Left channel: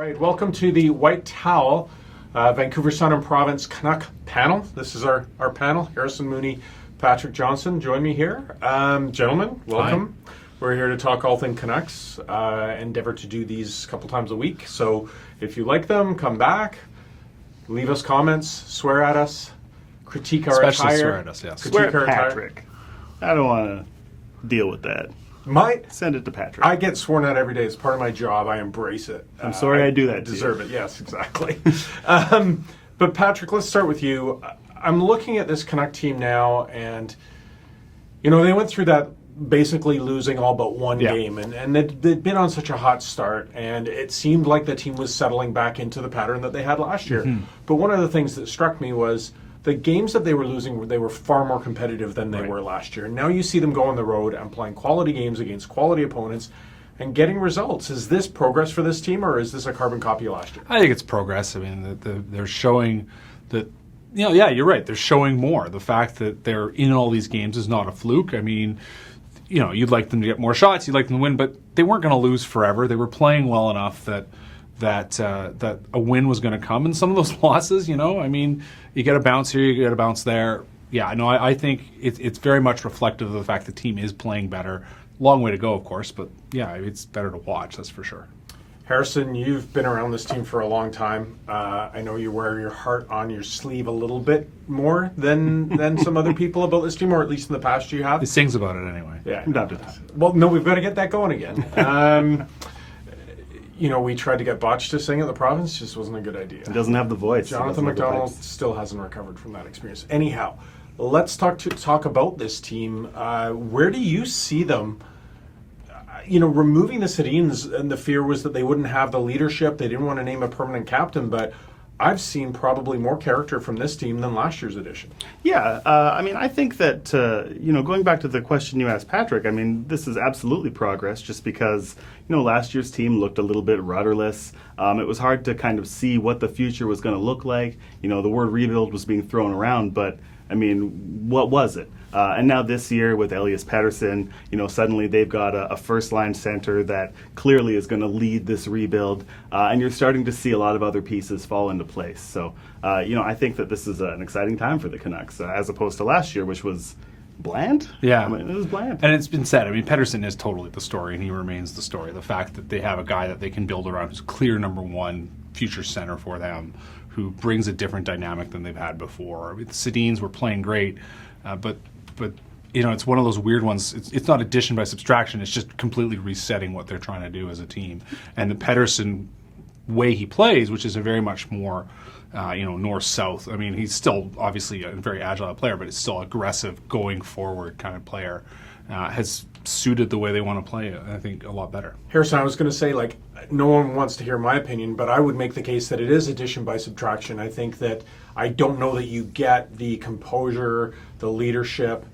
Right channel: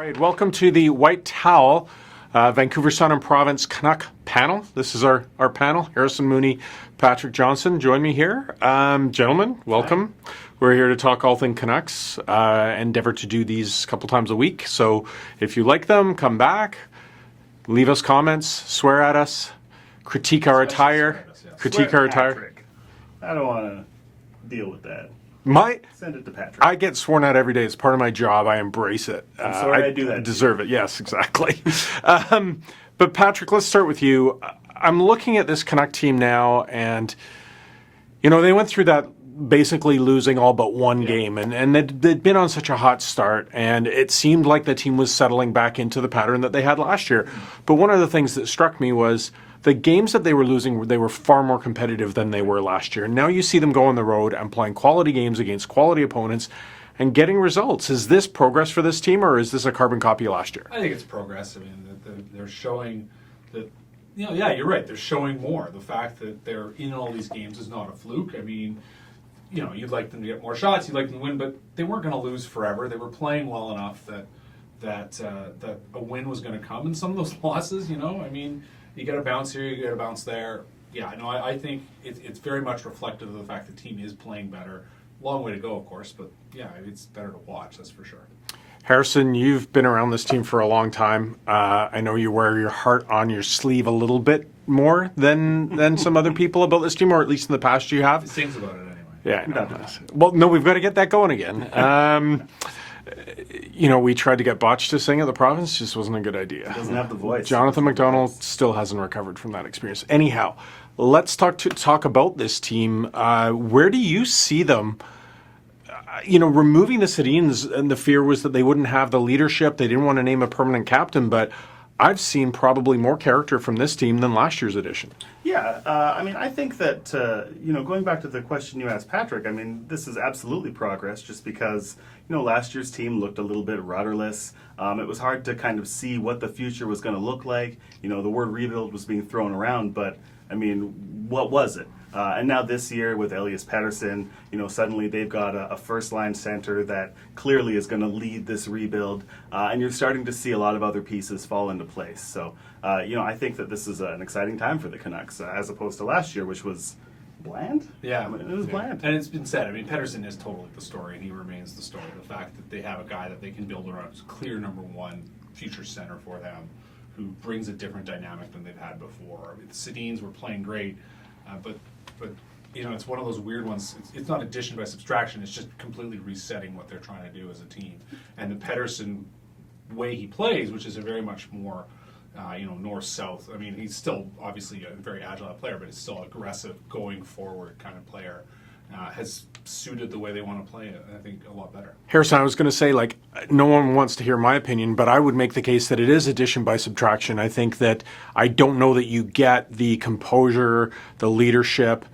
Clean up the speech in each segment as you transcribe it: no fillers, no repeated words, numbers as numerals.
right, welcome to the White Towel, Vancouver Sun and Province Canuck panel. This is our panel. Harrison Mooney, Patrick Johnson join me here. Gentlemen, welcome. Hi. We're here to talk all things Canucks. Endeavor to do these a couple times a week. So if you like them, come back, leave us comments, swear at us, critique our attire. Swear at us, yes. Critique our attire. Patrick. I don't want to deal with that. Send it to Patrick. I get sworn at every day. It's part of my job. I embrace it. I'm sorry I do that. Deserve it. Yes, exactly. But Patrick, let's start with you. I'm looking at this Canuck team now, and they went through that basically losing all but one game, and they'd been on such a hot start, and it seemed like the team was settling back into the pattern that they had last year. Mm-hmm. But one of the things that struck me was the games that they were losing, they were far more competitive than they were last year. Now you see them go on the road and playing quality games against quality opponents and getting results. Is this progress for this team, or is this a carbon copy of last year? I think it's progress. I mean, they're showing that, you're right. They're showing more. The fact that they're in all these games is not a fluke. I mean, you'd like them to get more shots, you'd like them to win, but they weren't going to lose forever. They were playing well enough that a win was going to come. And some of those losses, I mean, you get a bounce here, you get a bounce there. Yeah, no, I think it's very much reflective of the fact the team is playing better. Long way to go, of course, but yeah, it's better to watch, that's for sure. Harrison, you've been around this team for a long time. I know you wear your heart on your sleeve a little bit more than some other people about this team, or at least in the past you have. He sings about it anyway. Yeah, don't do this. Well, no, we've got to get that going again. We tried to get Botch to sing at the province. Just wasn't a good idea. He doesn't have the voice. Jonathan McDonald still hasn't recovered from that experience. Anyhow, let's talk about this team. Where do you see them? Removing the Sedins, and the fear was that they wouldn't have the leadership. They didn't want to name a permanent captain, but I've seen probably more character from this team than last year's edition. Yeah, I think that, going back to the question you asked Patrick, I mean, this is absolutely progress just because, last year's team looked a little bit rudderless. It was hard to kind of see what the future was going to look like. The word rebuild was being thrown around, but, I mean, what was it? And now this year with Elias Pettersson, suddenly they've got a first-line center that clearly is going to lead this rebuild, and you're starting to see a lot of other pieces fall into place. So, I think that this is an exciting time for the Canucks, as opposed to last year, which was bland. Yeah. I mean, it was bland. And it's been said, Pettersson is totally the story, and he remains the story. The fact that they have a guy that they can build around who's clear number one future center for them, who brings a different dynamic than they've had before. The Sedins were playing great, but it's one of those weird ones. It's not addition by subtraction. It's just completely resetting what they're trying to do as a team. And the Pettersson way he plays, which is a very much more, north-south. I mean, he's still obviously a very agile player, but it's still aggressive, going forward kind of player. Has suited the way they want to play, I think, a lot better. Harrison, I was going to say, no one wants to hear my opinion, but I would make the case that it is addition by subtraction. I think that I don't know that you get the composure, the leadership,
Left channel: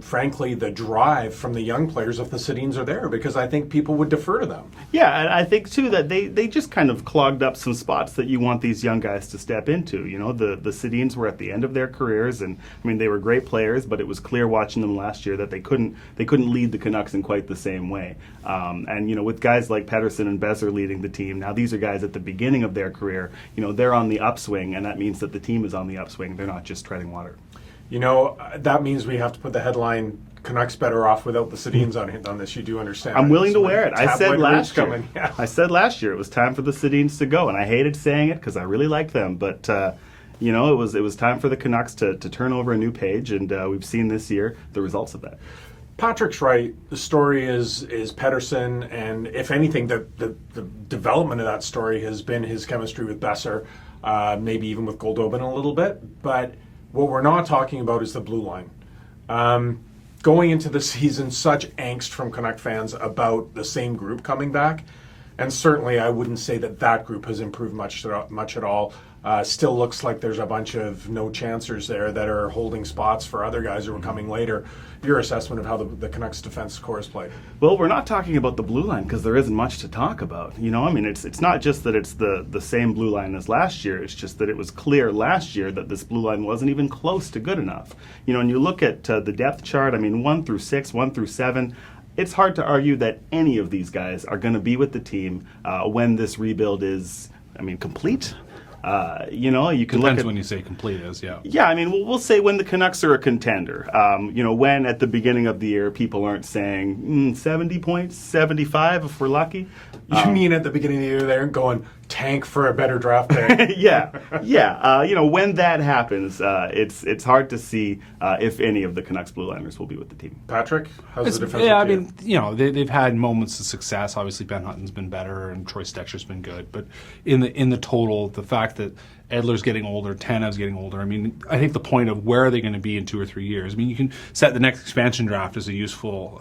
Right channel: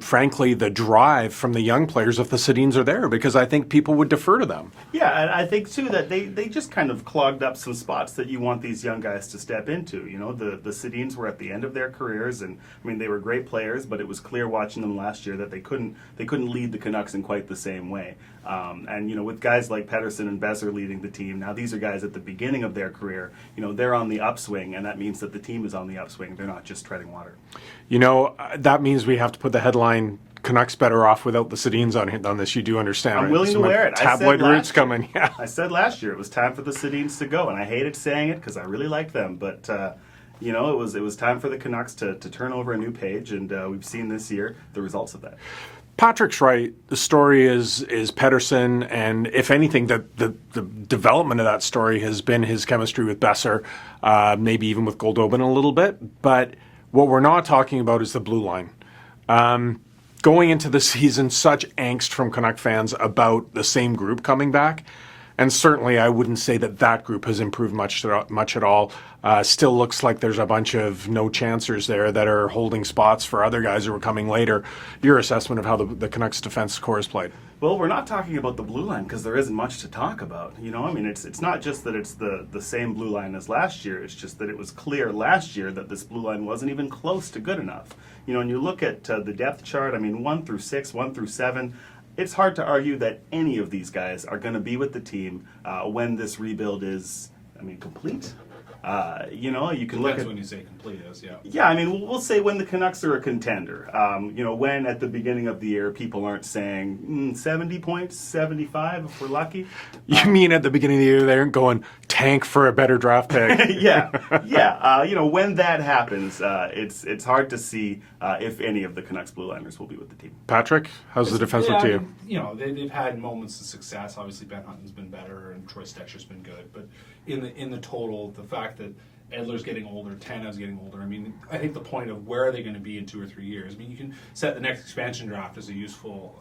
frankly, the drive from the young players if the Sedins are there, because I think people would defer to them. Yeah, and I think, too, that they just kind of clogged up some spots that you want these young guys to step into. The Sedins were at the end of their careers, and, they were great players, but it was clear watching them last year that they couldn't lead the Canucks in quite the same way. And, with guys like Pettersson and Besser leading the team, now these are guys at the beginning of their career, they're on the upswing, and that means that the team is on the upswing. They're not just treading water. That means we have to put the headline, Canucks better off wwithout the Sedins on this. You do understand. I'm willing to wear it. I said last year. Coming. Yeah. I said last year it was time for the Sedins to go, and I hated saying it because I really liked them. But it was time for the Canucks to turn over a new page, and we've seen this year the results of that. Patrick's right. The story is Pettersson, and if anything, the development of that story has been his chemistry with Besser, maybe even with Goldobin a little bit. But what we're not talking about is the blue line. Going into the season, such angst from Canuck fans about the same group coming back. And certainly I wouldn't say that group has improved much at all. Still looks like there's a bunch of no-chancers there that are holding spots for other guys who are coming later. Your assessment of how the Canucks defense core is played? Well, we're not talking about the blue line because there isn't much to talk about. It's not just that it's the same blue line as last year. It's just that it was clear last year that this blue line wasn't even close to good enough. And you look at the depth chart, 1 through 6, 1 through 7, it's hard to argue that any of these guys are going to be with the team when this rebuild is, complete. You can look Depends at when you say complete as, yeah. Yeah, we'll say when the Canucks are a contender. When at the beginning of the year people aren't saying 70 points, 75 if we're lucky. You mean at the beginning of the year they aren't going tank for a better draft pick? Yeah. When that happens, it's hard to see if any of the Canucks Blue Liners will be with the team. Patrick, how's the defense look to you? They've had moments of success. Obviously, Ben Hutton's been better, and Troy Stecher's been good. But in the total, the fact that Edler's getting older, Tanev's getting older. I think the point of where are they going to be in 2 or 3 years? You can set the next expansion draft as a useful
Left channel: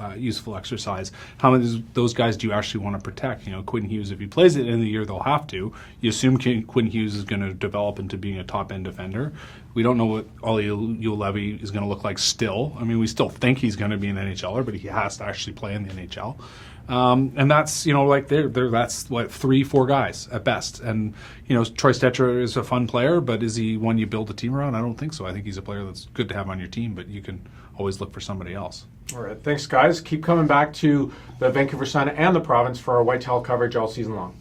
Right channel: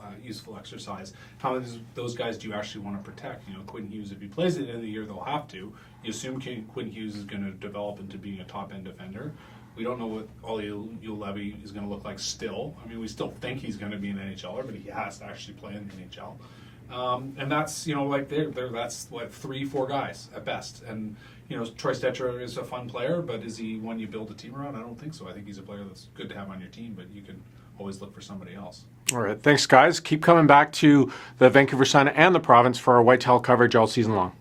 exercise. How many of those guys do you actually want to protect? Quinn Hughes, if he plays it in the year, they'll have to. You assume Quinn Hughes is going to develop into being a top-end defender. We don't know what Olli Juolevi is going to look like still. We still think he's going to be an NHLer, but he has to actually play in the NHL. And that's, that's what 3-4 guys at best. And, Troy Stecher is a fun player, but is he one you build a team around? I don't think so. I think he's a player that's good to have on your team, but you can always look for somebody else. All right. Thanks, guys. Keep coming back to the Vancouver Sun and the province for our Whitetail coverage all season long.